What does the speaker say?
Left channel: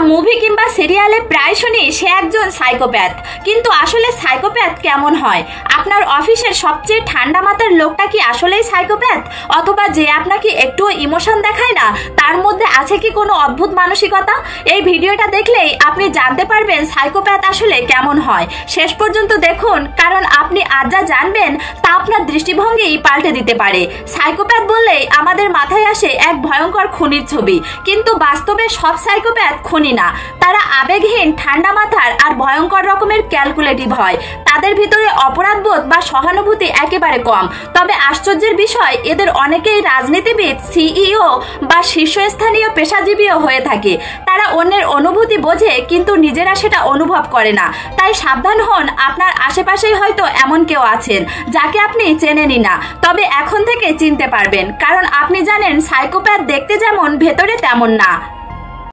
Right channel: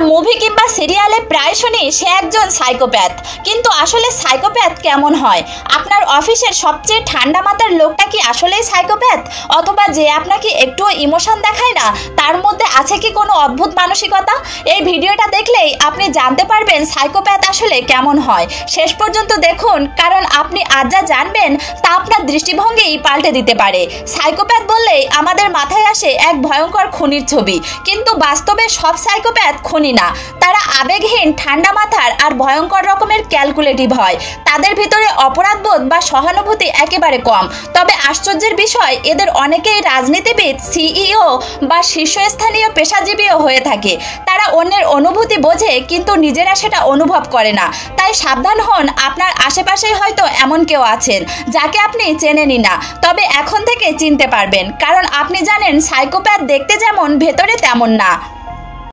Movie কিংবা সিরিয়ালে প্রায় শুনি সে একজন সাইকোপ্যাথ, কিন্তু আসলে সাইকোপ্যাথ কেমন হয়? আপনার অফিসের সবচেয়ে ঠান্ডা মাথার লোকটা কি আসলেই সাইকোপ্যাথ? অথবা যে আপনাকে একটুও ইমোশন দেখায় না, তার মধ্যে আছে কি কোনো অদ্ভুত মানসিকতা? এই ভিডিওটা দেখলেই আপনি জানতে পারবেন সাইকোপ্যাথ আসলে কেমন হয়। শেষ পর্যন্ত দেখুন, কারণ আপনি আজ যা জানবেন তা আপনার দৃষ্টিভঙ্গিই পাল্টে দিতে পারে। সাইকোপ্যাথ বললেই আমাদের মাথায় আসে এক ভয়ঙ্কর খুনির ছবি, কিন্তু বাস্তবে সব সাইকোপ্যাথ খুনি না। তারা আবেগহীন, ঠান্ডা মাথার আর ভয়ঙ্কর রকমের ক্যালকুলেটিভ হয়। তাদের ভিতরে অপরাধবোধ বা সহানুভূতি একেবারে কম। তবে আশ্চর্যের বিষয়, এদের অনেকেই রাজনীতিবিদ, সিইও বা শীর্ষস্থানীয় পেশাজীবীও হয়ে থাকে। তারা অন্যের অনুভূতি বোঝে, কিন্তু নিজেরা সেটা অনুভব করে না। তাই সাবধান হন, আপনার আশেপাশেই হয়তো এমন কেউ আছেন যাকে আপনি চেনেনই না, তবে এখন থেকে চিনতে পারবেন, কারণ আপনি জানেন সাইকোপ্যাথ দেখতে যেমন, ভেতরে তেমন না।